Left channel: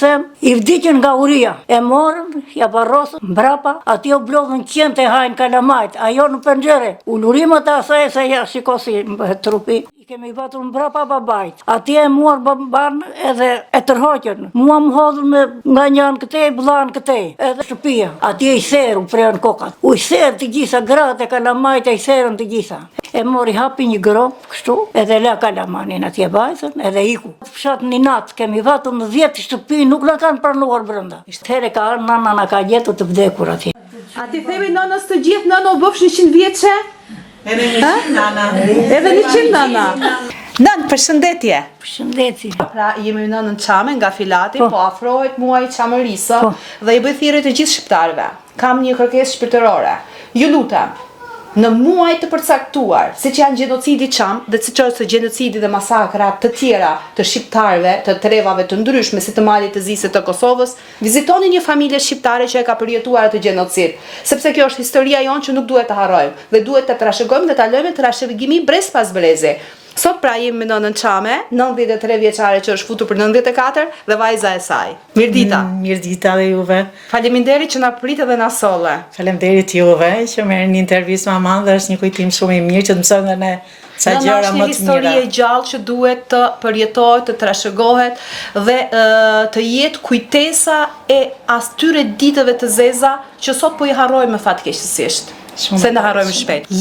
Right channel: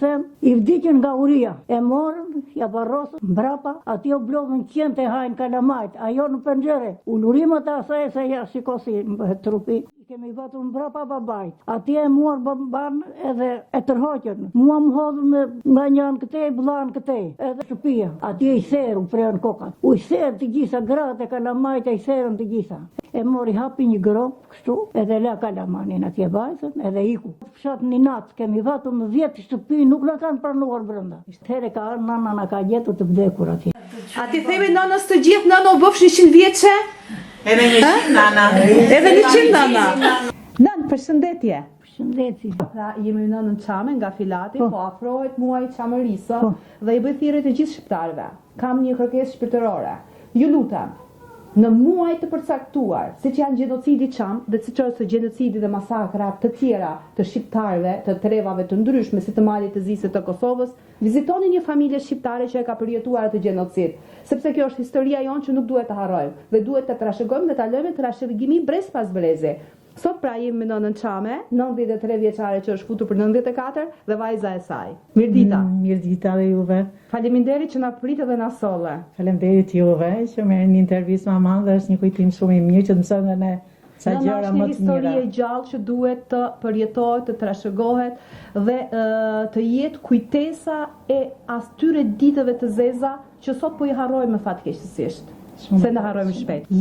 Them, i vdiqën nga uria, e morën, ja barrosën, mbrapa, ati u blodhën qenë të hajnë kalamajt, ajo në pëngjere, ullurimet e asaj se ja shikosi trupi. I kemi batur mbrapa babajt, ati e muar baban edhe e tërhoqën, mua më hodhën me nga njën këtej, blanë këtej, edhe shtëpia, ati e i therë, u prejën kokat, u i therë të gjitha, gratë e kalamajt e i therën të gjitha. E mori hapi një grop, kështu, edhe la kalamanin atje bajtën, edhe iku. Fshat një natë, kemi vatur në 10 shtëpi, nuk në kanë pranuar brenda. Here ka arë, nana na ka gjetur të vdekur atje. A ti themi nënës të gjithë, nënë u bëfsh 100 vjeçe? Edhe 100 nana. Edhe 100 nana. Nën, përshëndetje. Përshëndetje. Pra, jemi në Çame nga Filati, po afrohet muaji Çamërisë dhe i bëj thirrje të gjithë shqiptarëve. Kam një kërkesë shpirtërore. Ju lutem, në muaj të përcaktuar, siç janë gjenocidi Çam dhe siç është gjenocidi dhe masakrat të tjera të shqiptarëve, të trevave të ndryshme si të Malit të Zisë të Kosovës, vizitoni një familje shqiptare që e ka përjetuar atë gjenocid, sepse kjo është historia jonë që nuk duhet të harrojmë dhe duhet të trashëgojmë dhe ta lëmë trashëgimi brez pas brezi. Sot pra jemi në nënën Çame, 93 vjeçare që është futur për 94 dhe vajza e saj. Mirdita. Mirdita dhe juve. Faleminderit që na prit edhe na solle. Faleminderit juve që merrni një intervistë maman dhe është një kujtim shumë i mirë që të mësojmë dhe ne sa gjëra më të mira. Është një histori e gjallë që duhet të përjetohet, të trashëgohet dhe të jetë kujtesa e atyre ditëve të zeza që sot po i harrojmë fatkeqësisht. Se na harrojmë shpejt.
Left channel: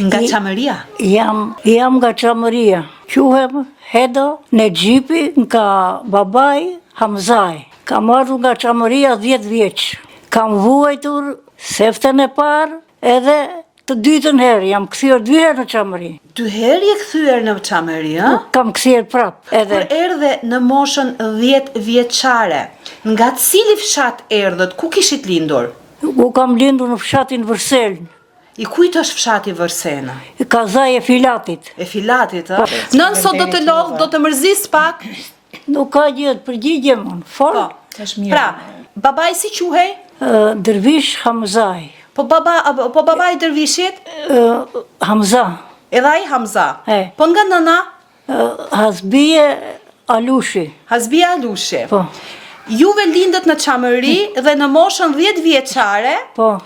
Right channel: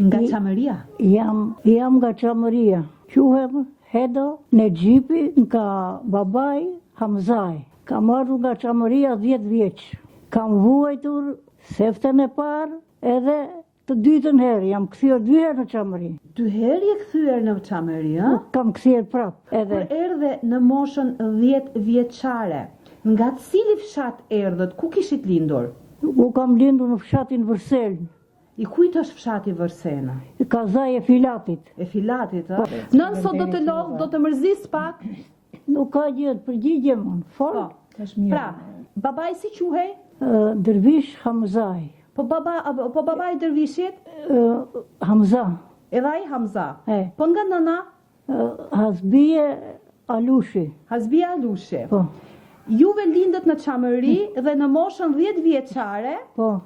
Nga Çamëria? Jam nga Çamëria. Quhem Hedo Nexhipi nga babaj Hamzaj. Kam ardhur nga Çamëria 10 vjeç. Kam vuajtur seftën e parë edhe të dytën herë. Jam kthyer 2 herë në Çamëri. 2 herë je kthyer në Çamëri, ë? Kam kthyer prap. Kur erdhe në moshën 10 vjeçare, nga cili fshat erdhët? Ku kishit lindur? U kam lindur në fshatin Vërseln. I kujt është fshati Vërsena? Kazaj e Filatit. E Filatit, ë? Nën sot do të lodh, do të mërzis pak? Nuk ka gjë, përgjigje mon, fort. Pra, babai si quhej? Dervish Hamzaj. Po babai Dervishit? Hamza. Edhe ai Hamza. Po nga nëna? Hasbie Alushi. Hasbie Alushi. Po. Juve lindët në Çamëri dhe në moshën 10 vjeçare. Po.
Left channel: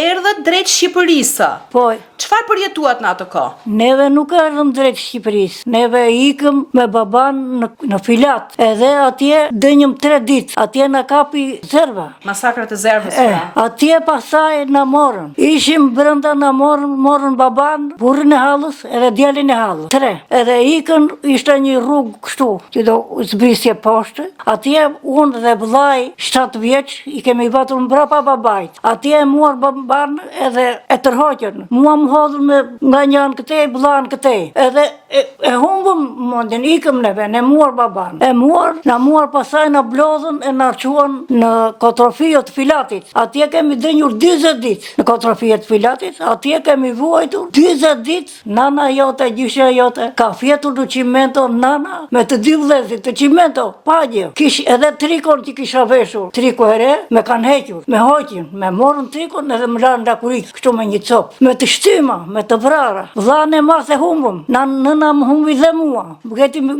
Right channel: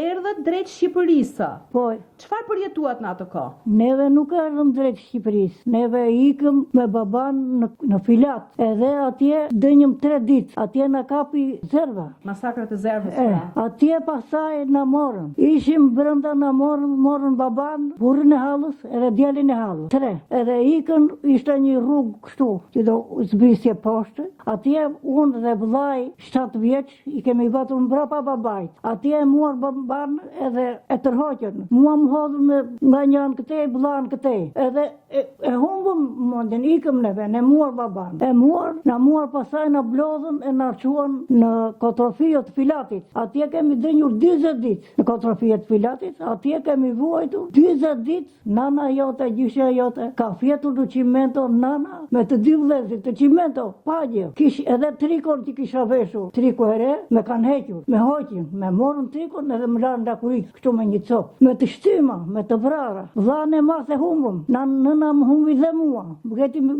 Erdhët drejt Shqipërisë. Po. Çfarë përjetuat në atë kohë? Neve nuk erdhëm drejt Shqipërisë. Neve ikëm me baban në Filat. Edhe atje dënjëm 3 ditë. Atje na kapi Zerva. Masakrat e Zervës. Atje pasaj na morën. Ishim brenda na morën baban, burrin e hallës edhe djalin e hallës. 3. Edhe ikën, ishte një rrugë kështu, që do zbrisje poshtë. Atje unë dhe vllai 7 vjeç i kemi batur mbrapa babait. Atje e muar baban edhe e tërhoqën. Mua më hodhën me nga njën këtej, blanë këtej. Edhe e humbëm mondin, ikëm neve, ne muar baban. E muar, na muar pasaj na blodhën e na arquan në Kotrofijët Filatit. Atje kemi dënjur 20 ditë në Kotrofijët Filatit. Atje kemi vuajtur 20 ditë. Nana jote, gjyshja jote, ka fjetur në qimento nana me të 2 vëllezrit të qimento, pagje. Kish edhe trikon që kisha veshur. Triko here, me kanë hequr, me hoqin, me morën trikon edhe më lanë ndakurik, kështu me një copë. Me të shtyma, me të vrara. Vllane mas e humbëm. Nëna më humbi dhe mua.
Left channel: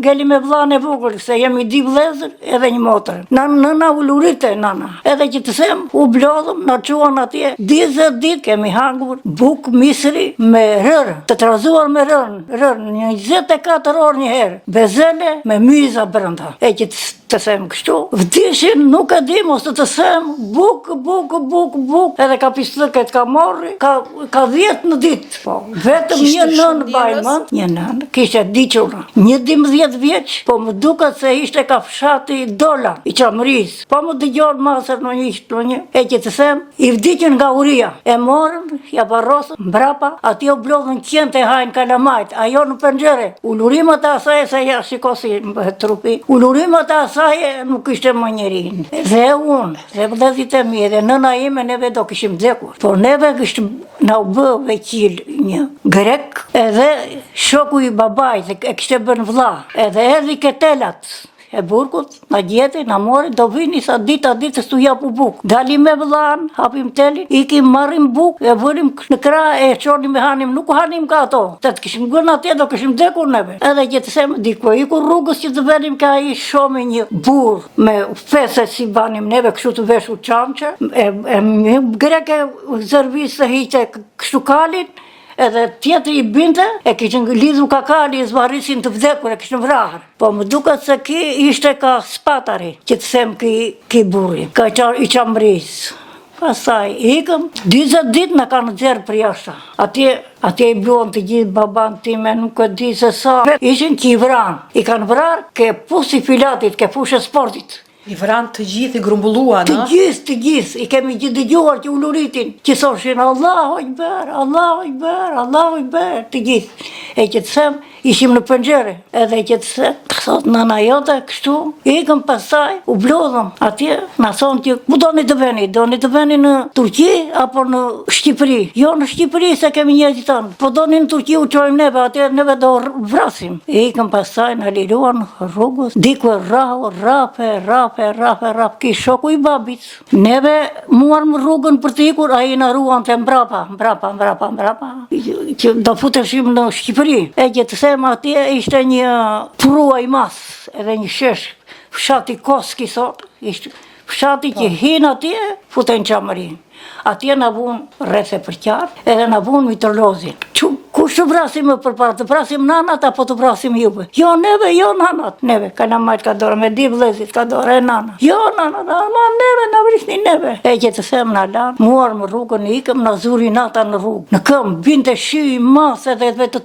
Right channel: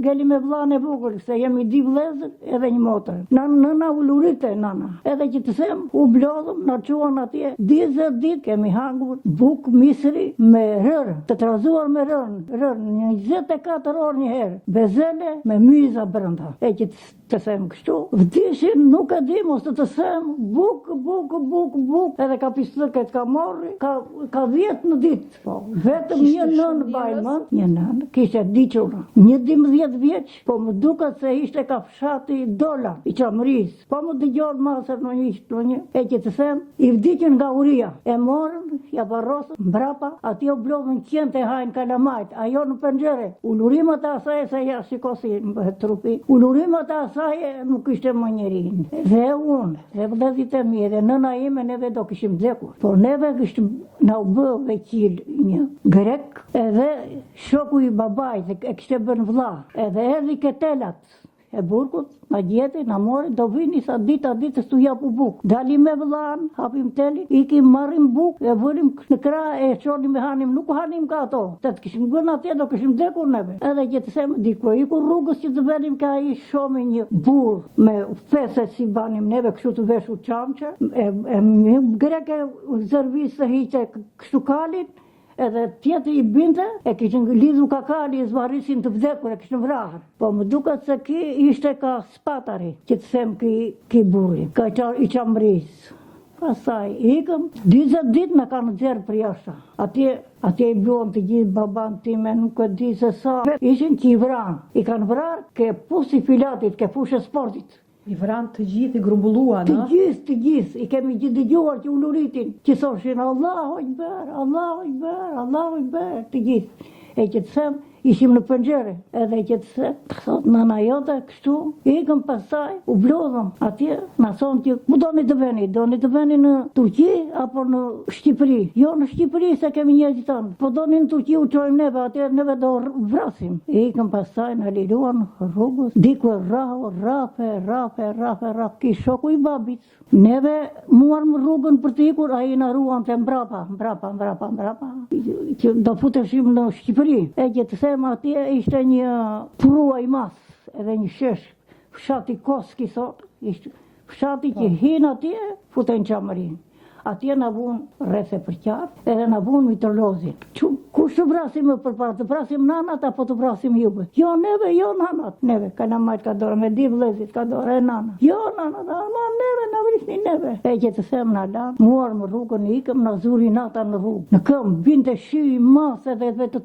Geli me vllane vogël, se jemi 2 vëllezër edhe një motër. Nëna u lurite, nana. Edhe që të them, u blodhëm, na çuan atje. 20 ditë kemi hangur buk misri me rër, të trazuar me rër, një 24 orë një herë. Bezele me myza brenda. E që të them kështu, vdishin, nuk e di mos të them, buk, edhe ka pislëket ka morri, ka 10 në ditë. Po, vetëm një nën bajmën, një nën, kishte diqura. 11 vjeç, po më duket se ishte ka fshati Dola i Çamërisë. Po më dëgjon masër në një, e që të them, i vdiqën nga uria. E morën, ja barrosën, mbrapa, ati u blodhën qenë të hajnë kalamajt, ajo në pëngjere. Ullurimet e asaj se ja shikosi trupi. Ullurimet e asaj nuk ishte më njerin. Dhe unë, dhe vëllezrit e mi, dhe nëna ime, neve do kishim vdekur. Por neve kishim na u bë veqil një grek, edhe shoku i babajt, e kishte bën vlla, edhe edhi ketelat. e burgut, na gjeti, na mori, do vini sa dita stu japu buk. Dalim me vëllan, hapim telin, ikim marrim buk, e vërim në krah, e çonim me hanim, nuk hanim ka ato. Të kishim gërnë atje, do kishim dekur neve. Edhe që të sem, diko, iku rrugës që të venim ka i shomi një burr me fese si banim neve, kështu të veshu çamçe, greke zërvis të hiqe kështu kalin, edhe tjetër i binte, e kishin lidhur kakali, i zvarrisin të vdekur, e kishin vrahur. Po më duket se ki ishte ka spatari, që të them ki burri, ka i qamris. Pastaj ikëm, 20 ditë në kanë nxjerrë për jashtë. Atje i bluan të gjithë baban time, nuk e di se sa. Ishin që i vran, i kanë vrarë ke pusi filatit, ke fushë sportit. I vran të gjithë, i grumbulluan, Të gjithë, i kemi gjithë dëgjuar që u luritin, që thoshin Allahu Ekber, Allahu Ekber, Allahu Ekber, të gjithë. E që të them, ishim në pëngjere, edhe që të them, thot nana jote, kështu, ikëm pastaj, u blodhëm, atje, na thonë që, ku doni të veni në Turqi, apo në Shqipëri? Jo në Shqipëri, se kemi njerëzit tonë, po doni në Turqi u qojmë neve, atje neve do vrasim. Ikëm pastaj, në liruan rrugës, diku rap, ki shoku i babit. Neve muarm rrugën për të ikur, a i në ruan të mbrapa, që do futeshim në Shqipëri. E që të them atje ishte një prua i mas, edhe një shesh, fshati Koski sot, ishte fshati që hinë atje, futen qamërin. Atje në vun rreth e përqarë, edhe në vun mitolozin. Kush të vrasim më përpara, të vrasim nanat apo të vrasim juve? Jo neve, jo nanat, neve. Kalamajt ka dorë, me di vlezit ka dorë, e nanat. Jo nanat, ama neve, në vrishni neve. E që të them në lanë, muar më rrugën, ikëm në zuri nata në rrugë. Në këm, binte shi i mas edhe vetë të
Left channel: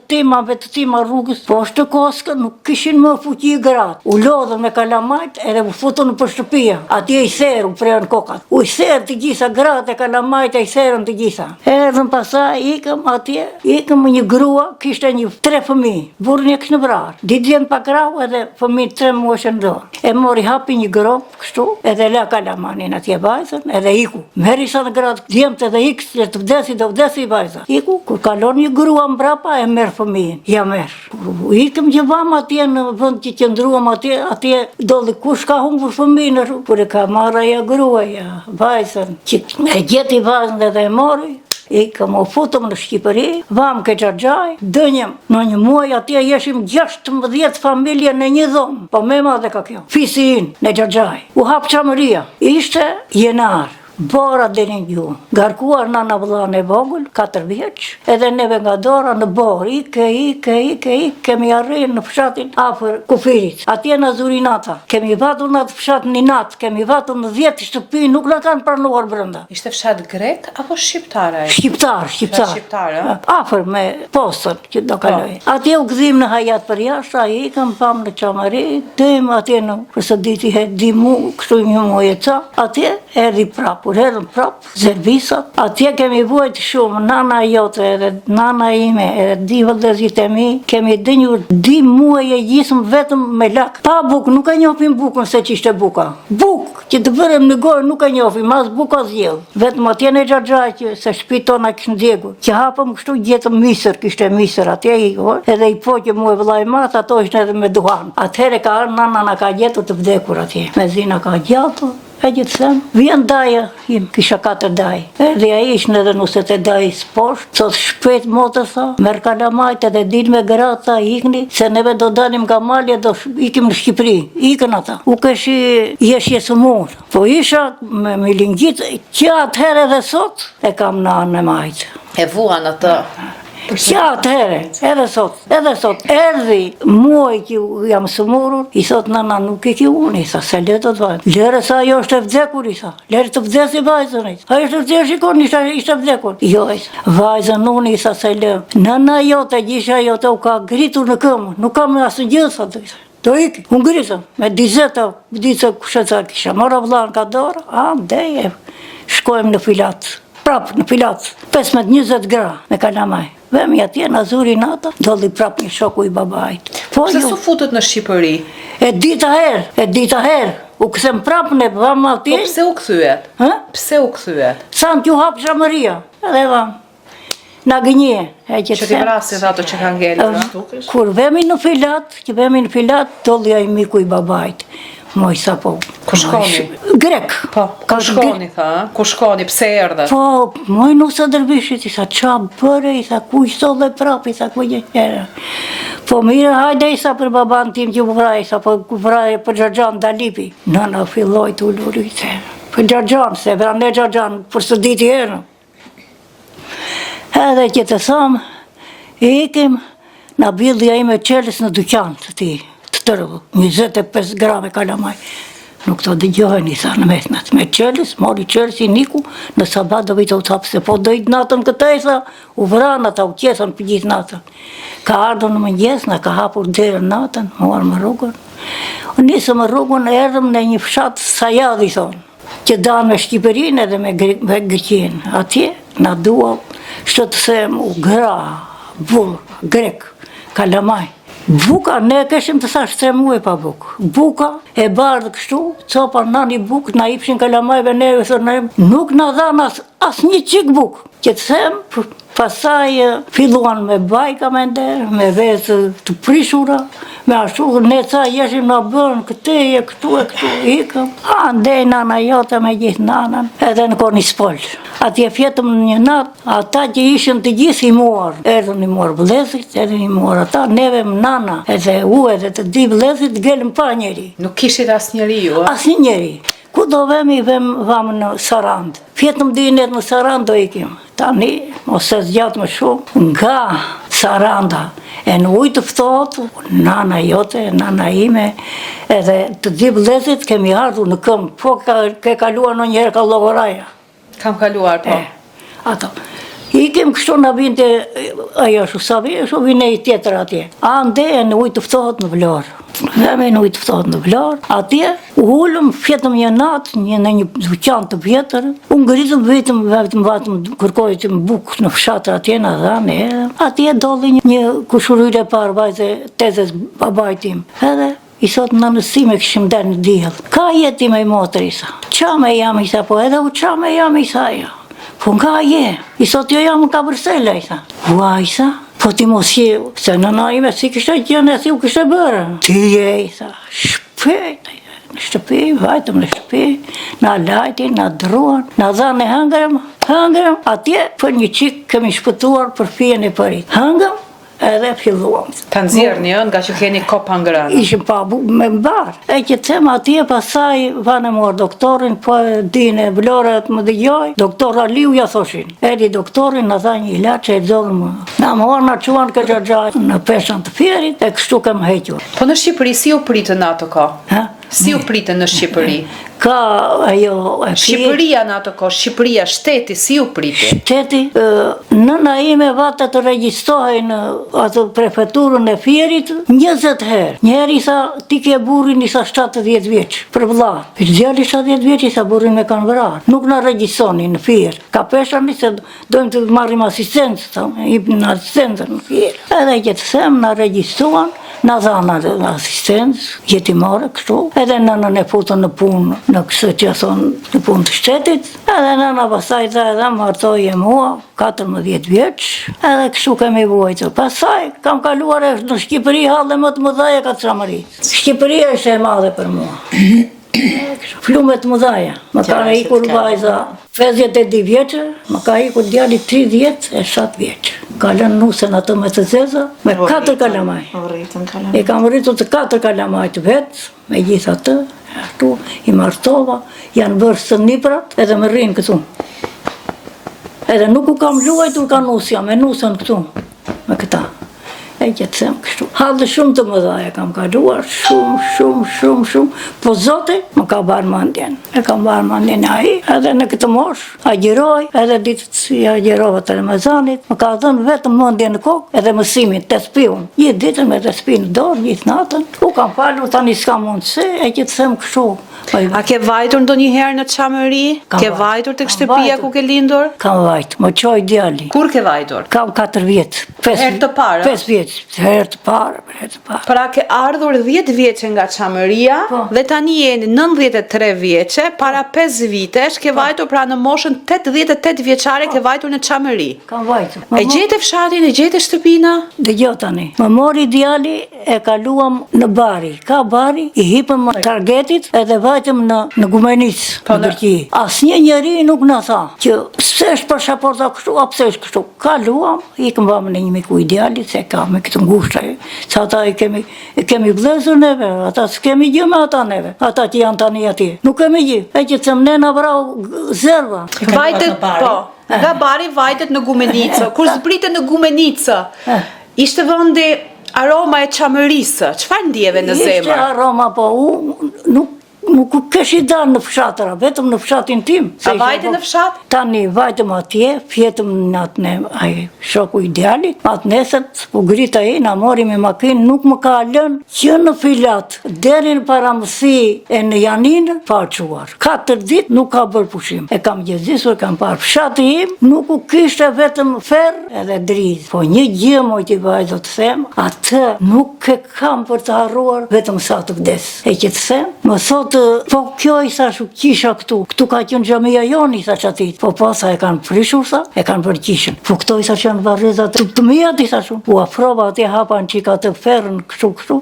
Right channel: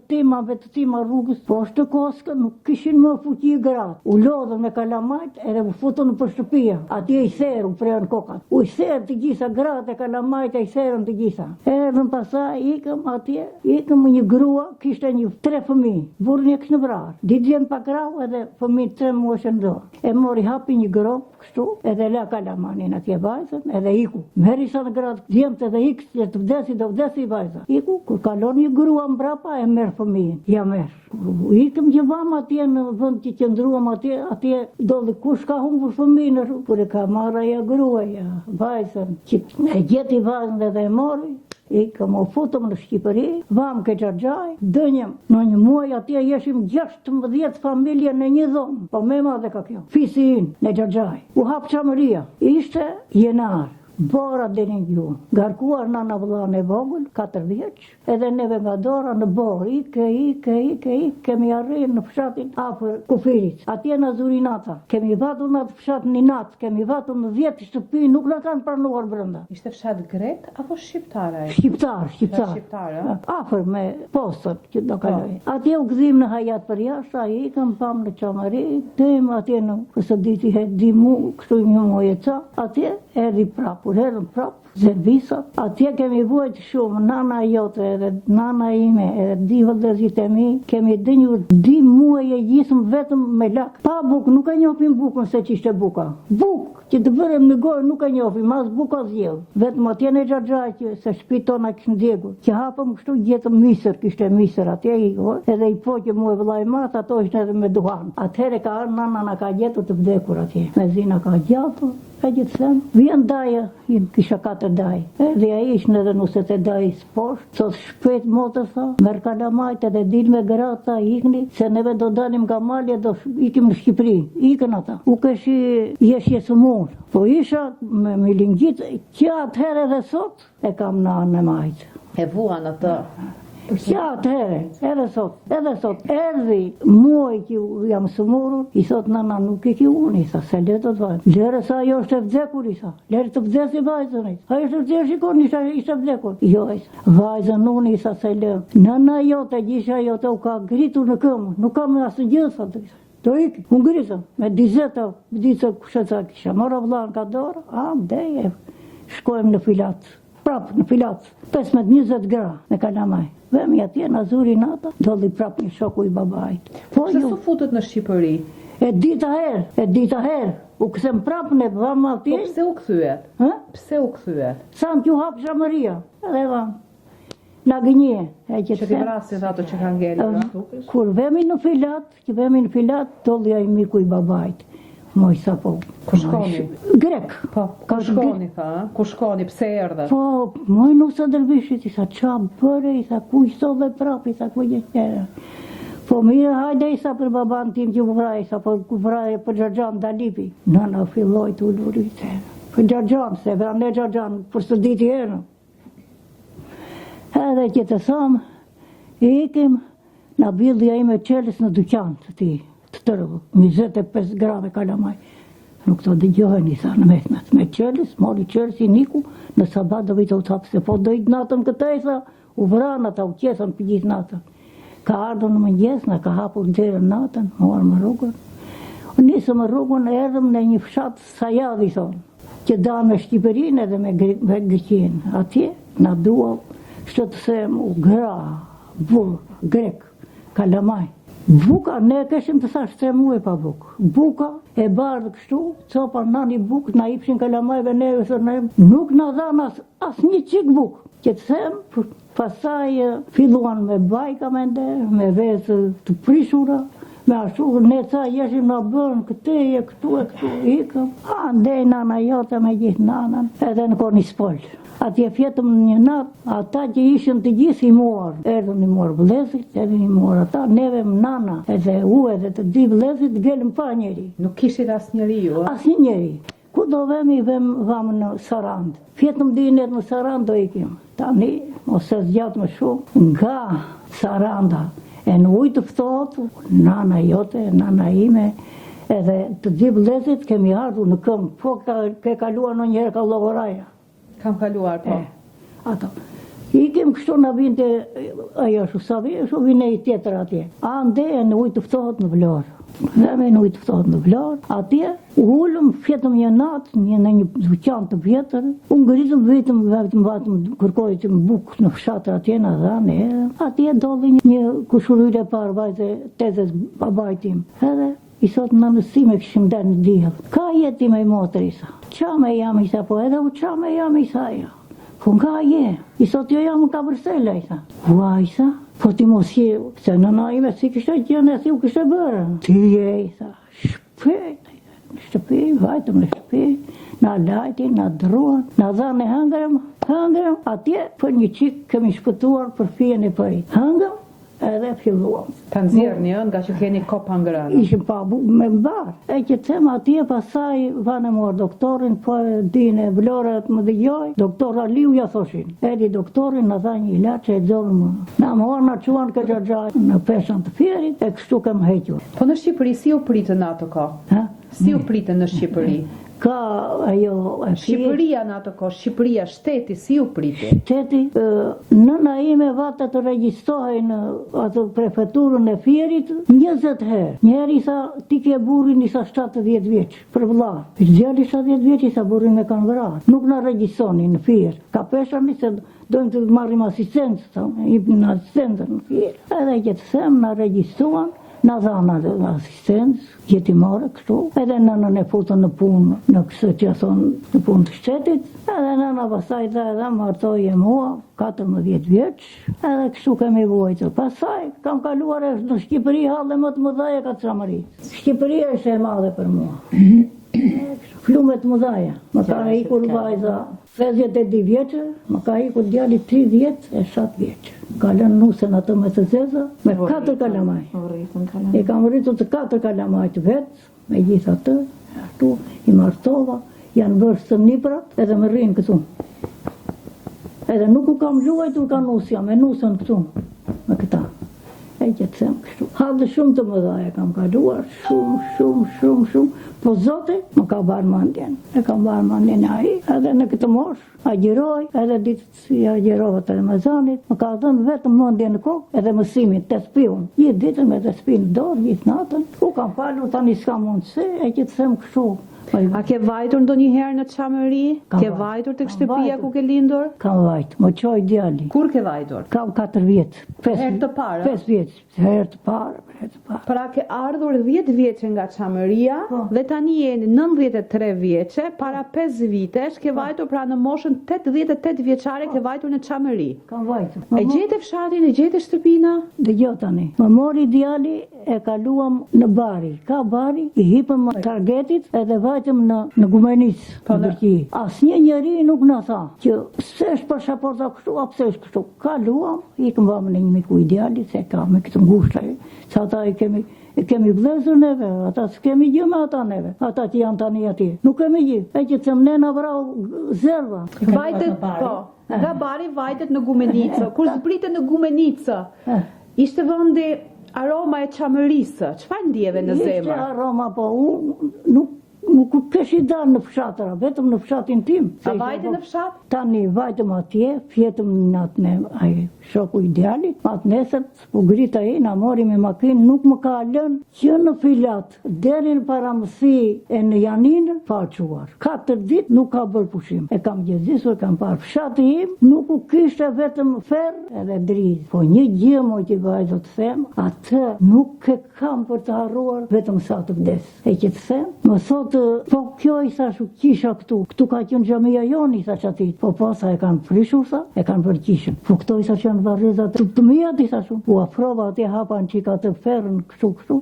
tima rrugës. Po është të koskë, nuk kishin më fuqi i gratë. U lodhën me kalamajt edhe u futën për shtëpia. Atje i therë, u prejën kokat. U i therë të gjitha gratë e kalamajt e i therën të gjitha. Erdhën pasaj, ikëm atje, ikëm një grua, kishte 3 fëmijë, burrin e kishte vrarë. Ditën pa krau edhe fëmijë 3 muaj në dorë. E mori hapi një grop kështu, edhe la kalamanin atje vajzën, edhe iku. Meri sa në gratë djemtë edhe ikë, që të vdesi, do vdesi vajza. Iku, kur kalon një grua mbrapa, e merr fëmijën. Ja merr. Ikëm që vam atje në vend që qëndruam atje dolli kush ka humbur fëmijën në rrugë. Kur e ka marrë ajo gruaja, vajzën, që e gjeti vajzën edhe e mori. Ikëm u futëm në Shqipëri, vam ke Xhaxhaj, dënjem në një muaj atje jeshim 16 familje në një dhomë, po me madhe ka kjo. Fisi in në Xhaxhaj. U hap qamëria, ishte jenar. Bora deni gjuhë. Garkuar nana vëllane vogël, 4 vjeç, edhe neve nga dora në borë, ike, kemi arrijë në fshatin afër kufirit. Atje në Zurinata. Kemi vatur në atë fshat një natë, kemi vatur në 10 shtëpi, nuk na kanë pranuar brenda. Ishte fshat grek apo shqiptar? Shqiptar. Afër me postën që do kaloj. Atje u gëzim në Hayat për jashtë, ai ikëm pam në qamëri, dëm atje në përsaditi dimu, kështu një muaj e ca, atje erdhi prap. Kur erdhëm prap, zervisat, atje kemi vuajt shumë, nana jote, edhe nana ime, edhe di vëllezërit e mi, kemi dënjur 2 muaj e gjisëm vetëm me lak. Pa buk, nuk e njohim bukën se që ishte buka. Buk, që të bërëm në gorë nuk e njohim, as buka zjedh. Vetëm atje në Xhaxhaj, që se shtëpi tona kishën djegur. Që hapëm kështu gjetëm misër, kishte misër atje i gorë, edhe i poqë mu e vëllaj mat, ato ishte edhe me duhan. Atëhere ka nana na ka gjetur të vdekur atje. Me zina ka gjatur. E gjithë them, vjen daja, kisha 4 daj. Dhe a ishën edhe nuset e daj s'poshtë, thot shpejt motë tha, merr kalamajt edhe dil me gratë, ikni, se neve do dalim nga malje, do ikim në Shqipëri, ikën ata. U keshi jeshje së murë, po isha me milingjit, që atëherë edhe sot, e kam në anë e majtë. E vuan atë. Që atëherë, edhe sot, erdhi muaj që jam sëmurur, i thot nana nuk i ki unë, i tha, se le të të vajnë. Lere sa jo është e vdekur, i tha, lere të vdesi vajzën, i tha. A ishte vdesi shikon, ishte vdekur. Jo, i tha, vajzën unë, i tha, se le. Nana jote, gjisha jote, u ka gritur në këmë, nuk kam asë gjithë, sa të i tha. Do iki, unë gritëm, me dizeta, kusheca kisha, mora vëllan ka dorë, deje, shkojmë në filat, prap në filat, 15-20 gra me kalamaj. Vemi atje në Zurinata, dolli prap një shoku i babait. Pse s'u futët në Shqipëri? E dita herë, u kësem prap në vam atje. Po pse u kthyet? Pse u kthyet? Sa në t'ju hap qamëria, edhe vam. na gënje. E që Që ti vrasit ato që kanë ngelur. Kur vemi në filat, tolli ai miku i babait. Moj sa po. Ku shkoni? Grek. Po, ku shkoni, tha? Ku shkoni, pse erdhe? Po, moj nusa dërbishit, i sa qa bëre, i sa ku i solle prap, i sa ku i gjera. Po mire, hajde i sa për baban tim që vraj, sa për vraj për Gjargjan Dalipi. Nëna filloj të ullurit, për Gjargjan, se vra ne Gjargjan, për së diti herë. Edhe që të thamë, ikim, na bildja ime qeles në dyqan të ti, të tërë, 25 grame kalamaj. Nuk të dëgjohen, i tha në mesnat, me qeles, mori qeles i niku, në sabat do vitë u tapë, se po dojtë natën këtej, sa, u vranë ata, u qesën për gjithë natën. Ka ardhën në mëngjes, na ka hapur derën natën, morë më rrugën. Nisëm më rrugën, erdhëm në një fshatë Sajadi, thonë, që danë me Shqipërinë edhe me Greqinë. Atje, na dua, shtë të them, u gra, burë, grek, kalamaj. Buka, ne keshim të thash 3 muaj pa buk. Buka e bardhë kështu, copa nani buk, na ipshin kalamajve neve, nuk na dhanë as një qik buk. Që të them, pasaj filluan me bajka me nder, me vezë të prishura, me ashtu, ne ca jeshim në bërën këteje, këtu, ikëm. Andej nana jote me gjithë nanën, edhe në koni spol. Atje fjetëm në një natë, ata që ishën të gjithë i muar, erdhën i muar vlezit, edhe i muar ata, neve më nana, edhe u edhe të di vlezit, gëllëm pa njeri. Nuk kishit as njeri ju, a? As një njeri. Ku do vemi, vamë në Sarand. Fjetëm dinet në Sarand do ikim. Tani, ose zgjatë më shumë, nga Saranda, e në ujtë fëtot, nana jote, nana ime, edhe të di vlezit kemi ardhur në këmë, po ke kaluar në njerë ka logoraja. Kam kaluar, po. Ato. Ikim kështu në vinte, ajo shu vine i tjetër atje. Ande e në ujtë fëtot në Vlorë. Dheme në ujtë fëtot në Vlorë. Atje, u hullëm, fjetëm një natë, në një duqan të vjetër. Unë ngritëm vetëm, kërkojtëm bukë në fshatër atje në dhane. Atje dolli një kushuryre parë vajze tezes babajtim. Edhe i sot në nësime këshim der në djel. Ka jeti me i motër, isa. Qa me jam, isa, po edhe u qa me jam, isa, ja. Po nga je, i sot jo jam në Kabërsela, isa. Ua, isa, po ti mos je, se nëna ime si kështë e gjene, si u kështë e bërë. Ti je, isa, shpejt, në shtëpi, vajtëm në shtëpi, na lajtin, na druan, na dhanë e hëngërëm, atje për një qik kemi shpëtuar për fijen e përit. Hëngëm, edhe filluam. Ta nxjerrë një, nga që keni kop hangërën. Ishim pa me mbarë. E që të them atje, pasaj vanë morë doktorin, po dine Vlorët më dëgjoj, doktor Aliu ja thoshin. Edi doktorin, në tha një ilaç e dzorën më. Na morë, na quan këtë gjaj në peshën të fjerit, e kështu kem hequr. Po në Shqipëri, si u pritën ato ka? Si u pritën në Shqipëri? Ka ajo e Shqipëria në ato ko, Shqipëria, shteti, si u priti? Shteti, nëna ime vata të regjistohej në atë prefekturën e Fierit 20 herë. Njëherë i sa ti ke burrin i sa 70 vjeç, për vëlla. Djali 70 vjeç i sa burrin me kanë vrarë. Nuk na regjistoni në Fier. Ka peshani se dojmë të marrim asistencë, në asistencë në Fier. Edhe që të them na regjistuan, na dhanë asistencë, jetimore kështu, edhe nënën e futën në punë, në kësë që thonë në punë të shtetit, edhe nëna pasaj dhe edhe martoj e mua, 14 vjeç, edhe kështu kemi vojtë. Pasaj kam kaluar e në Shqipëri halë më të mëdhaja ka të Samarit. Shqipëria është e madhe për mua. Flumet mëdhaja. Më ka ikur vajza 52 vjeqë, më ka ikur djali 30 e 7 vjeqë. Ka lënë nusën atë me të zeza, me 4 kalamaj. E kam rritur të 4 kalamaj të vetë, me gjithë atë, ashtu, i martova, janë bërë së niprat, edhe më rrinë këtu. Edhe nuk u kam luajtur ka nusja, me nusën këtu, me këta. E që të them kështu. Halë shumë të mëdhaja kam kaluar, shumë, po Zoti më ka barë mandjen. E kam barë mandjen aji, edhe në këtë mosh, agjeroj, edhe ditët si agjerova të Ramazanit, më ka dhënë vetëm mandjen në kokë, edhe mësimin, të spiun. Gjithë ditën me të spi në dorë, gjithë natën, u kam falu, tani s'ka mundësi, e që të them kështu. A ke vajtur ndonjëherë në Çamëri? Kam Ke vajtur. vajtur tek Kam shtëpia vajtur. ku ke lindur? Kam vajt, më qoj djali. Kur ke vajtur? Kam 4 vjet. Herë të parë? 5 vjet. Herë të parë, herë të parë. Pra ke ardhur 10 vjeçe nga Çamëria Po. dhe tani jeni 93 vjeçe, para 5 vitesh ke vajtur pra në moshën 88 vjeçare ke vajtur në Çamëri. Kam vajtur. E gjete fshatin, e gjete shtëpina? Dëgjoj tani. Më mori djali, e kaluam në bari. Ka bari, i hipëm më targetit edhe vajtëm në Gumenic, në Turqi. Asnjë njeri nuk na tha që pse është pasaporta kështu, a pse është kështu. Kaluam, ikëm vëmë në një miku i djalit, se ka me këtë ngushta. Sa ata i kemi vlezur neve, ata s'kemi gjë me ata neve. Ata që janë tani atje. Nuk kemi gjë. E që të mnena vrau zerva. Vajtet, në bari? po. Nga bari vajtet në Gumenicë. Kur zbritet në Gumenicë, ishte vendi aroma e Çamërisë. Çfarë ndjeve në Ishte zemër? aroma, po nuk kesh i dalë në fshatëra, vetëm në fshatin tim. A vajte në fshat? Tani vajtëm atje, fjetëm në atë ne, ai shoku i djalit, atë nesët, po grita e na mori me makinë, nuk më ka lënë që në filat, deri në paramësi e në Janinë, pa quar. 4 ditë nuk ka bërë pushim. E kam gjezisur, kam parë fshati im, nuk u kishte vetëm ferr edhe drizë. Po një gjë moj t'i vaj do të them, atë nuk e kam për të harruar, vetëm sa të vdes. E që të them, më thotë, po kjo i thash kisha këtu ka qenë xhamia joni, i thash atit. Po sa e kanë prishur sa, e kanë bërë kishën. Po këto i thash janë varrezat të mia, i thash. U afrova atje hapan çika të ferrën kështu,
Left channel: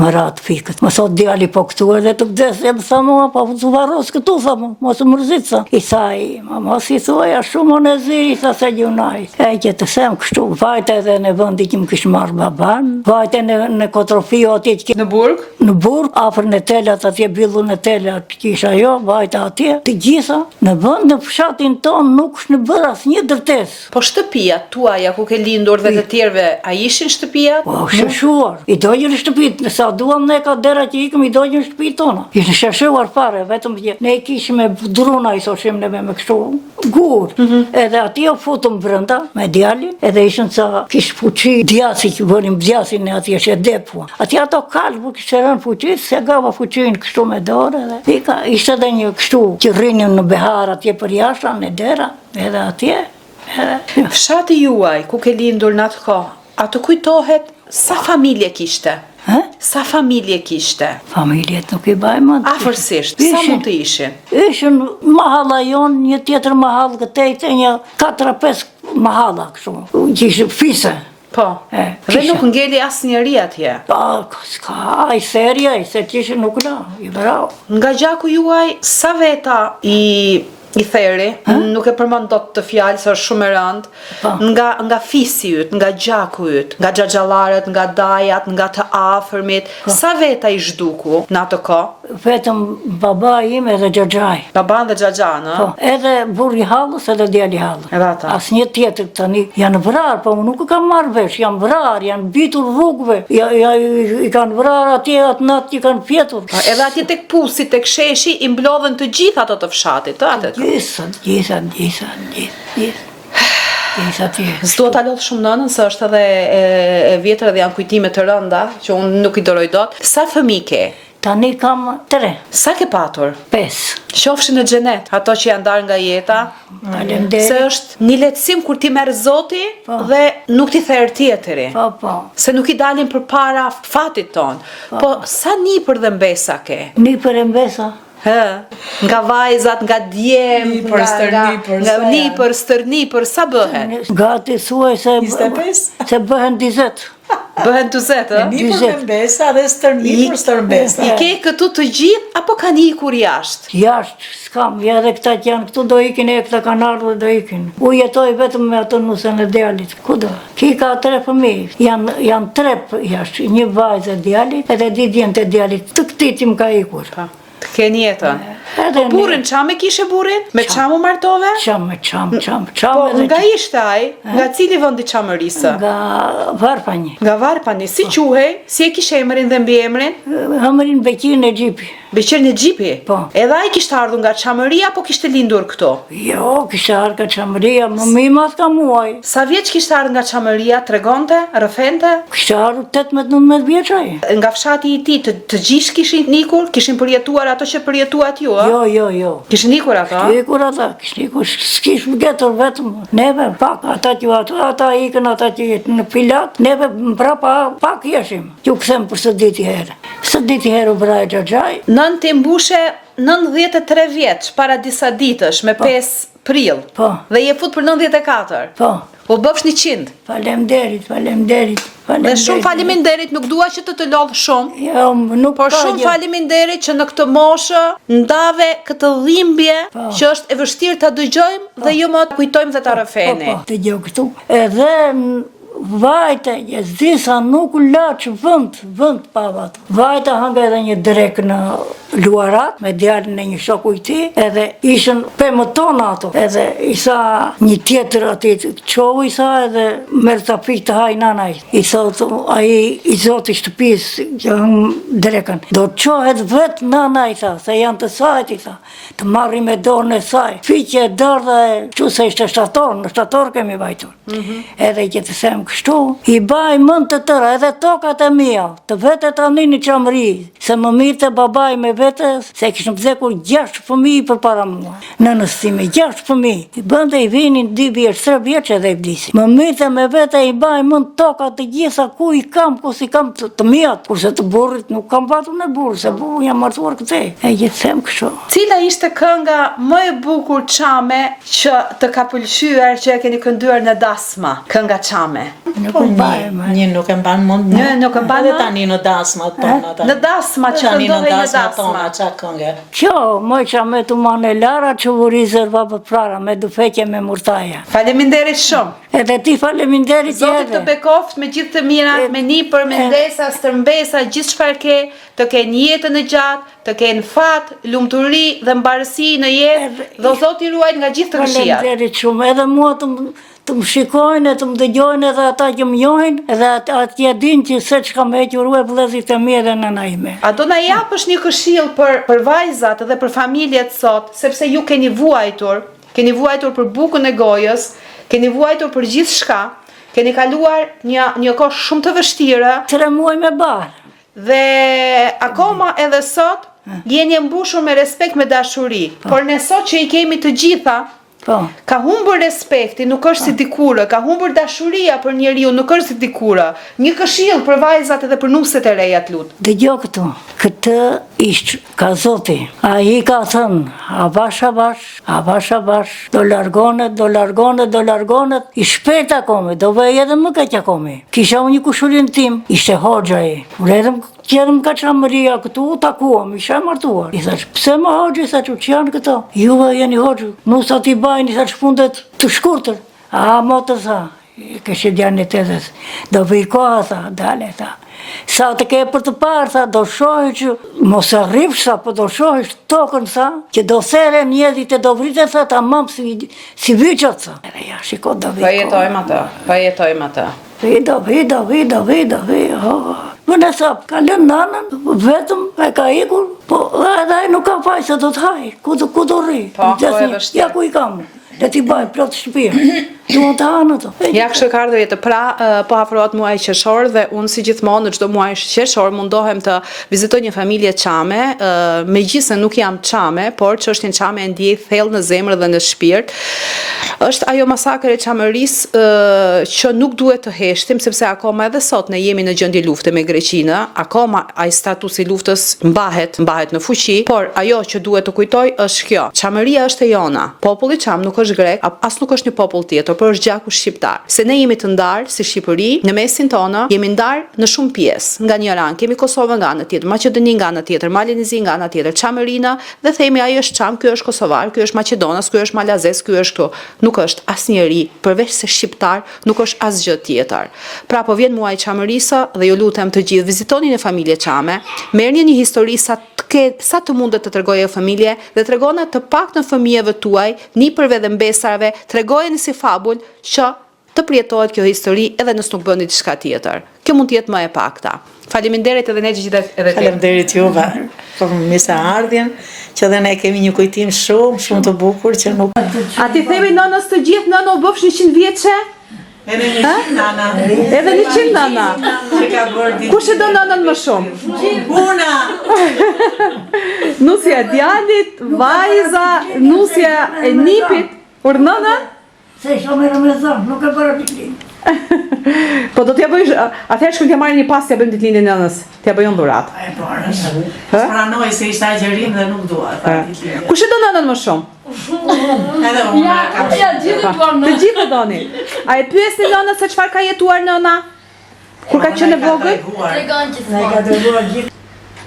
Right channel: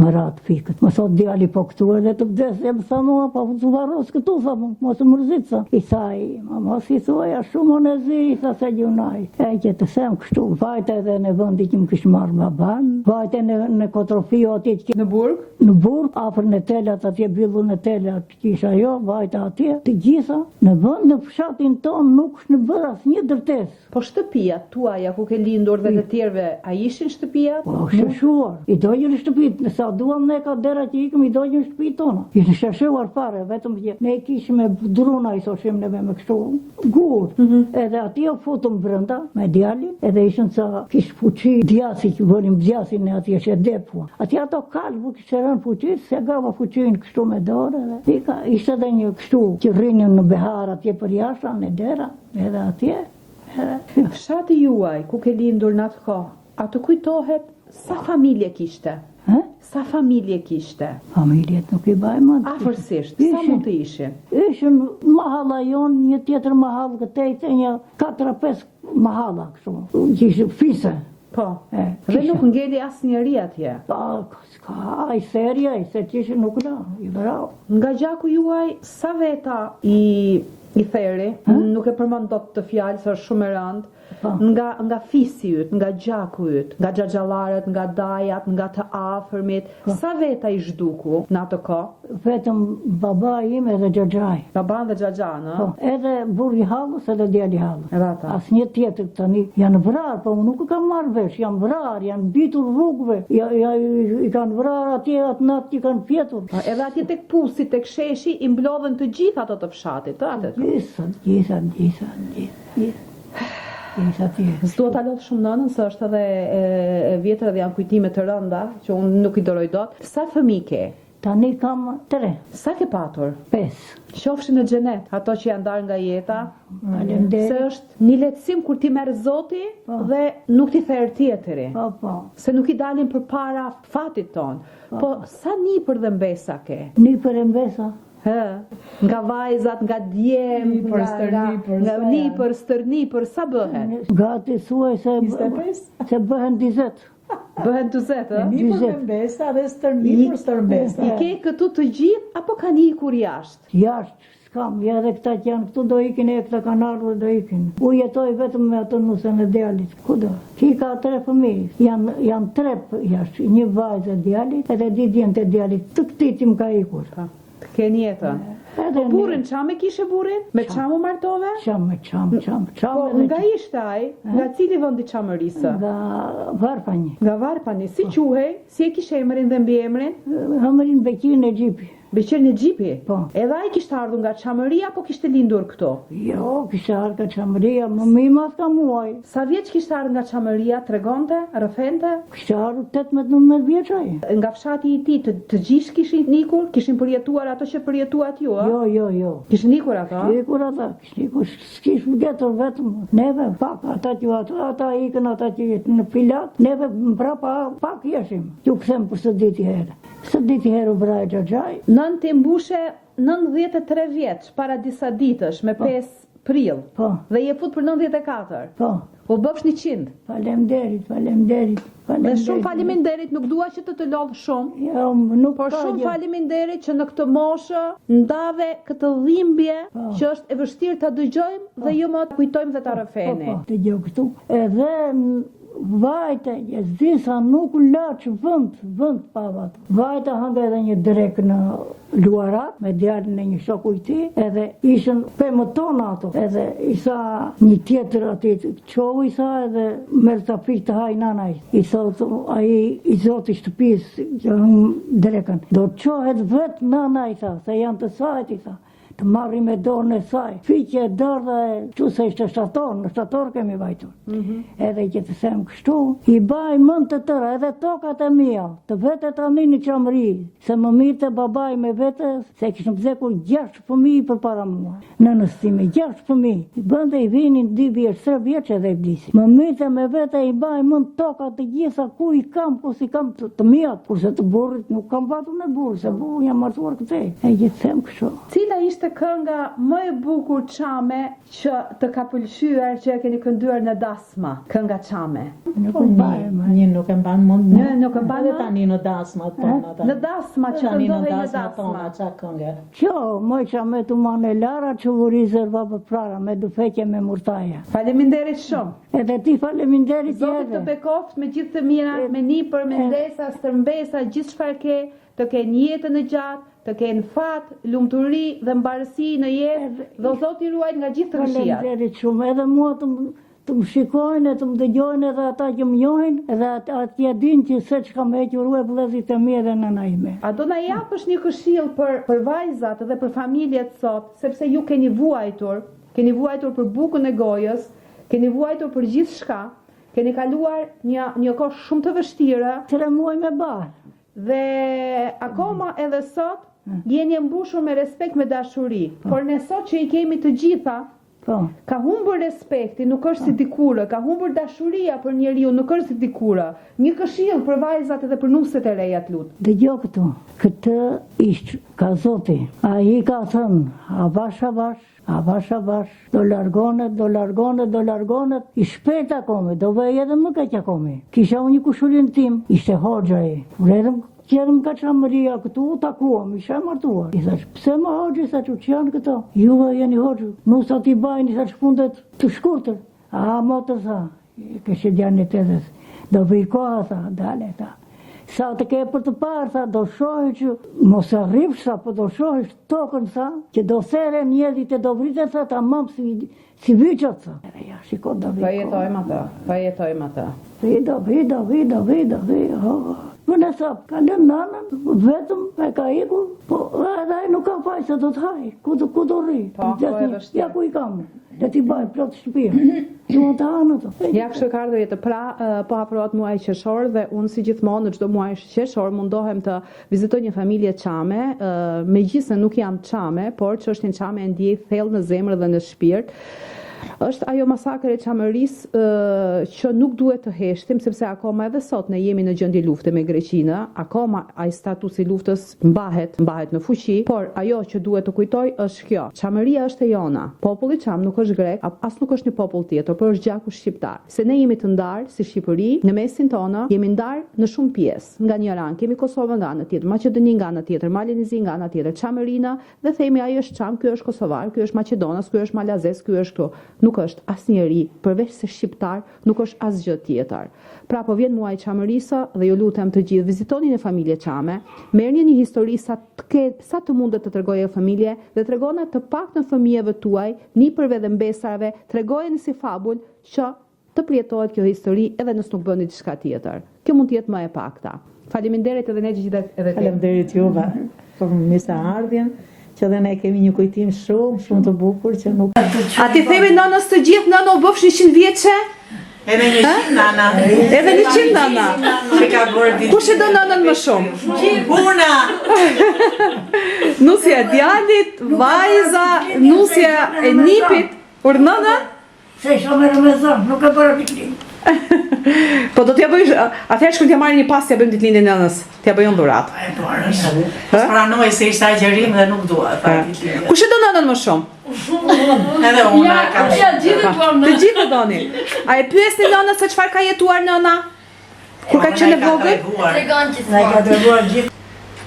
më rat fikët. Më thot djali po këtu edhe të vdes, e më tha mua, po të varros këtu tha mua, mos u mërzit sa. I thaj, mos i thuaja shumë në ziri, i tha se gjunaj. E që të them kështu, vajte edhe në vendi që më kishë marrë baban, vajte në Kotrofio atje që Në Burg? në Burg, afër në telat atje billu në telat kisha jo, vajta atje, të gjitha, në vend në fshatin ton nuk është në bërë asnjë dërtesë. Po shtëpijat tuaja ku ke lindur dhe të tjerëve, a ishin shtëpijat? Po, sheshuar. I dojnë shtëpit, sa duam ne ka dera që ikëm, i dojnë shtëpit tona. Ishtë sheshuar fare, vetëm që ne kishim me druna, i thoshim neve me kështu gur. Edhe atje u futëm brenda me djalin, edhe ishën sa kish fuqi djasi që bënim djasin e atje që depua. Atje ato kalë, bu kishtë rënë fuqi, se gava fuqin kështu me dorë edhe. Ishte edhe një kështu që rrinin në behar atje për jashta, në dera, edhe atje. Fshati juaj, ku ke lindur në atë kohë, atë kujtohet sa familje kishte? Sa familje kishte? Familjet nuk i bajmë. Afërsisht, sa mund të ishin? Ishin mahalla jonë, një tjetër mahallë këtejte, një 4-5 mahalla kështu, që ishë fise. Po, dhe nuk ngeli asë njëri atje. Ska, i serja, i se qishë nuk la, i vrau. Nga gjaku juaj, sa veta i theri, nuk e përmend dot të fjalë se është shumë e rëndë, nga fisi yt, nga gjaku yt, nga xhaxhallarët, nga dajat, nga të afërmit, sa veta i zhduku në atë kohë? Vetëm baba im edhe xhaxhaj. Baban dhe xhaxhan, ë? Po, edhe burri hallës edhe djali hallës. Edhe ata. Asnjë tjetër tani janë vrarë, po unë nuk e kam marrë vesh, janë vrarë, janë bitur rrugëve, i kanë vrarë atje atë natë që kanë fjetur. Edhe atje tek pusi, tek sheshi, i mblodhen të gjithë ato të fshatit, ë? Gjitha. S'do ta lodh shumë nënën, se është edhe e vjetër dhe janë kujtime të rënda, që unë nuk i doroj dot. Sa fëmijë ke? Tani kam 3. Sa ke patur? 5. Qofshin në xhenet, ato që janë darë nga jeta. Faleminderit. Se është një lehtësim kur ti merr Zoti dhe nuk ti therr tjetëri. Po. Se nuk i dalin përpara fatit ton. Po sa nipër dhe mbesa ke? Nipër e mbesa. Nga vajzat, nga djem, nga nipër, stërnipër, sa bëhen? Gati thuaj se 25? Se bëhen 20. Bëhen 20, ë? Nipër me mbesa dhe stërmbesa. I ke këtu të gjithë, apo kanë ikur jashtë? Jashtë, s'kam, ja dhe këta që janë këtu do ikin e këta kanë ardhur do ikin. U jetoj vetëm me atë nusën e djalit, ku do? Ki ka 3 fëmijë, janë 3 jashtë, një vajzë e djalit, edhe 2 djemtë e djalit, të këti që më ka ikur. Të keni jetën. Po burrin, qa me kishe burrin? Me qa mu martove? Qam. Po nga ishte ai? Nga cili vëndi Çamërisë? Nga Varpani. Nga Varpani, si quhej? Si e kishe emrin dhe mbi emrin? Hamërin Bekin e Gjipi. Beqerin e Xhipi? Po. Edhe ai kishte ardhur nga Çamëria apo kishte lindur këtu? Jo, kishte ardhur nga Çamëria, më mimas ka muaj. Sa vjeç kishte ardhur nga Çamëria, tregonte, rrëfente? Kishte ardhur 18-19 vjeç ai. Nga fshati I tij të gjithë kishin ikur, kishin përjetuar ato që përjetuat ju, a? Jo. Kishin ikur ato? Ikur ata, kishin ikur, s'kish më gjetur vetëm. Neve pak, ata ikën, ata që jetë në Pilat, neve mbrapa pak jeshim. Ju kthem për së diti herë. Së diti herë u bra e Xhaxhaj. Nën të mbushe 93 vjeç para disa ditësh me 5 prill. Po. Dhe je fut për 94. Po. U bëfsh 100. Faleminderit. Dhe shumë faleminderit, nuk dua që të lodh shumë. Jo, nuk Por ka shumë gjë. faleminderit që në këtë moshë ndave këtë dhimbje që është e vështirë ta dëgjojmë dhe jo më kujtojmë dhe ta rrëfeni. Po, të gjë këtu. Edhe vajte, disa nuk laç vend pavat. Vajte hanga edhe një drek në Luarat me djalin e një shoku I tij, edhe ishin 15 tona ato. Edhe I sa një tjetër aty, çohu I sa edhe merr ta pik të haj nanaj. I thot ai I zoti shtëpisë që drekën. Do të çohet vet nana I tha, se janë të sajt I tha. Të marri me dorën e saj. Fiqe dardha e çu se ishte në shtator kemi vajtur. Edhe që të them kështu, I baj mend të tëra, edhe tokat e mia, të vetet tani në Çamëri, se më mirë të babaj me vetës, se kishëm vdekur 6 fëmijë përpara mua. Nënës time 6 fëmijë. I bënte I vinin 2 vjeç, 3 vjeç edhe I vdisin. Më mirë të me vete I baj mend tokat të gjitha ku I kam, ku si kam të mijat, kurse të burrit nuk kam patur në burr, se burri jam martuar këtej. E që them kështu. Cila ishte kënga më e bukur Çame që të ka pëlqyer që e keni kënduar në dasma? Kënga Çame. Nuk u baj më. Një nuk e mban mend. Një nuk e mban Edhe mend? tani në dasmat tona. Në dasma që tani në këndohej në dasmat dasma. tona ça këngë. Kjo, moj që me të mane lara që u rizerva për prara, me dufeqe me murtaja. Faleminderit shumë. Edhe ti faleminderit Zoti të bekoft me gjithë të mirat, me nipër, me ndesa, stërmbesa, gjithë çfarë ke, të kenë jetën e gjatë, të kenë fat, lumturi dhe mbarësi në jetë, dhe Zoti ruajt nga gjithë të këqijat. Faleminderit shumë, edhe mua të më shikojnë, të më dëgjojnë edhe ata që më njohin, edhe atje din që se që kam hequr e vëllezrit e mi edhe nëna ime. A do na japësh një këshill për vajzat dhe për familjet sot, sepse ju keni vuajtur për bukën e gojës, keni vuajtur për gjithë shka, keni kaluar një kohë shumë të vështirë, 3 muaj me barë. dhe akoma edhe sot jeni e mbushur me respekt, me dashuri, por ne sot që I kemi të gjitha, Po. ka humbur respekti, nuk është si dikurë, ka humbur dashuria për njeriu, nuk është si dikurë. Një këshill për vajzat edhe për nuset e reja të lut. Dëgjoj këtu, këtë ishtë ka Zoti. Ai ka thënë, a bash, do largonet, I shpejt akome, do vej edhe më kaq akome. Kisha unë një kushurin tim, ishte hoxha ai. Qerëm ka Çamëria këtu, u takuam, isha martuar. I thash, pse më hoxhë, I thash, që janë këto? Juve jeni hoxhë, nusa t'i bajnë, I thash, fundet të shkurtër. A, motë, tha, kështë djanit edhes, do vijkoha, tha, dale, tha. Sa të ke për të parë, tha, do shohi që, mos e rrifsh, tha, po do shohi tokën, tha, që do there mjedit e do vritet, tha, ta mam si vyqët, tha. Ja, shiko, do vijkoha. Jetojmë atë. Vido. Më në sapë, ka lënë nanën, vetëm e ka ikur, po edhe ai nuk ka faj se do të haj, ku do rri. Po e vështirë. Ja ku I kam, le t'i baj plot shtëpia. Duhet të hanë ato. Ja kështu ka ardhur jetë po afrohet muaji qershor dhe unë si gjithmonë në çdo muaj qershor mundohem të vizitoj një familje Çame, megjithëse nuk jam Çame, por çështjen Çame e ndjej thellë në zemër dhe në shpirt. Është ajo masakër e Çamërisë që nuk duhet të heshtim, sepse akoma edhe sot ne jemi në gjendje lufte me Greqinë, akoma ai statusi I luftës mbahet në fuqi, por ajo që duhet të kujtoj është kjo. Çamëria është e jona. Populli Çam nuk është grek, as nuk është një popull tjetër, por është gjaku shqiptar. Se ne jemi të ndarë si Shqipëri, në mesin tonë jemi ndarë në shumë pjesë. Nga një anë kemi Kosovën nga ana tjetër, Maqedoni nga ana tjetër, Malinizi nga ana tjetër, Çamërina dhe themi ai është Çam, ky është Kosovar, ky është Maqedonas, ky është Malazes, ky është këtu. Nuk është asnjëri përveç se shqiptar, nuk është asgjë tjetër. Pra po vjen muaji I Çamërisë dhe ju lutem të gjithë vizitoni në familje Çame, merrni një histori sa të mundet të tregojë familje dhe tregona të paktën fëmijëve tuaj, nipërve dhe mbesarve, tregojeni si fabul që të përjetohet kjo histori edhe nëse nuk bën diçka tjetër. Kjo mund të jetë më e pakta. Faleminderit edhe ne gjithë edhe te. Faleminderit juve për mirëseardhjen, që edhe ne kemi një kujtim shumë të bukur që nuk. A ti themi nënës të gjithë, nëna u bëfsh 100 vjeçe? Edhe 100 nana. Edhe 100 nana. Që ka bërë ditë. Kush e do nënën më shumë? Una. Nusja e djalit, vajza, nusja e nipit, por nënën? Se isha me Ramazan, nuk e bëra ditëlindje. Po do t'ja bëjsh, atëherë shkojmë t'ja marrim një pas t'ja bëjmë ditëlindjen e nënës. T'ja bëjon dhuratë. E para. Pranoj se ishte agjerim dhe nuk dua ta ditëlindje. Kush e do nënën më shumë? Edhe una kam. Të gjithë e doni. A e pyesni nënën se çfarë ka jetuar nëna? Kur ka qenë e vogël? Tregon Na gjithmonë. ka dërguar gjithë.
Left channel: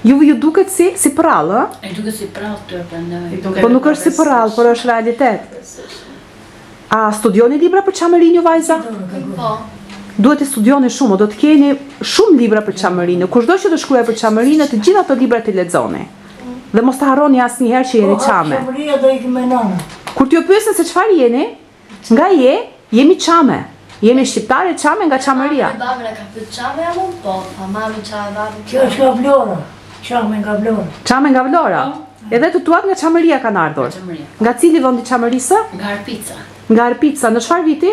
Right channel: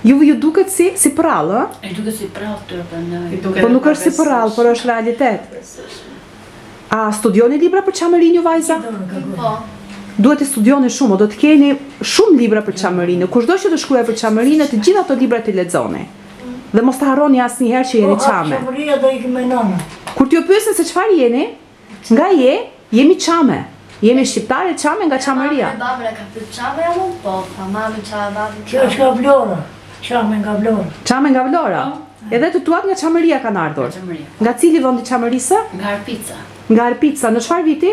Ju duket si prallë, ë? E duket si prallë këtu e pranoj. Po nuk është si prallë, por është realitet. A studioni libra për çamërinë ju vajza? Po. Duhet të studioni shumë, do të keni shumë libra për çamërinë. Kushdo që të shkruaj për çamërinë, të gjitha ato libra të lexoni. Dhe mos të harroni asnjëherë që jeni çame. Çamëria do ikim me nana. Kur t'ju pyesin se çfarë jeni, nga jemi çame. Jemi shqiptare çame nga çamëria. Babën e ka pyet çame jam unë? Po, pa mami çfarë babën. Kjo është nga Vlora. Çame nga Vlora. Çame nga Vlora. Edhe të tuat nga çamëria kanë ardhur. Çamëria. Nga cili vend i çamërisë? Nga Arpica. Nga Arpica. Në çfarë viti?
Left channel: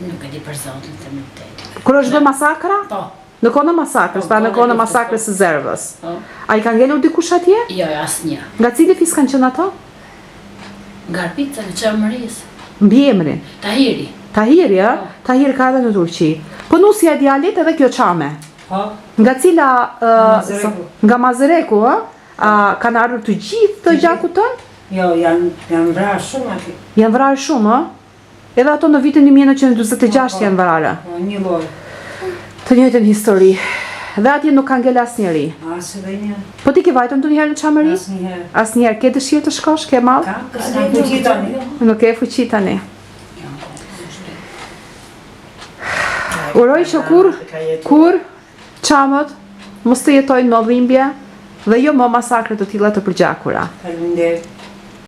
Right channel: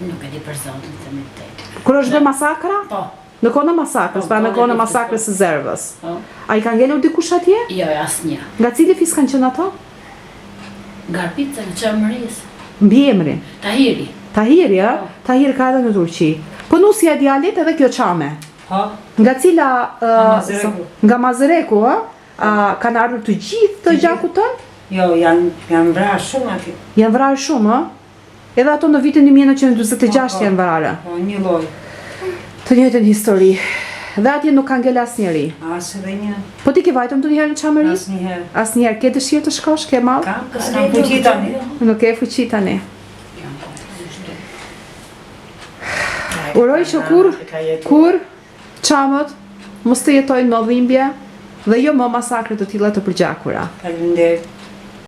Nuk e di për zotin të mëritet. Kur është bërë masakra? Po. Në kohën e masakrës, pra në kohën e masakrës së Zervës. Po. A i ka ngelur dikush atje? Jo, asnjë. Nga cili fis kanë qenë ato? Nga Arpica në çamërisë. Mbi emrin. Tahiri. Tahiri, ë? Tahiri ka edhe në Turqi. Po nusja e djalit edhe kjo çame. Ha? Nga cila Mazereku. nga Mazereku, ë? A kanë ardhur të gjithë të gjakut tënd? Jo, janë vrarë shumë aty. Janë vrarë shumë, ë? Edhe ato në vitin 1946 janë vrarë. Po, një lloj. Të njëjtën histori. Dhe atje nuk ka ngel asnjëri. As edhe një. Po ti ke vajtur ndonjëherë në çamëri? Asnjëherë. Asnjëherë ke dëshirë të shkosh, ke mall? S'kam fuqi tani. Nuk ke fuqi tani. Uroj që kur çamët mos të jetojnë më dhimbje dhe jo më masakre të tilla të përgjakura. Faleminderit.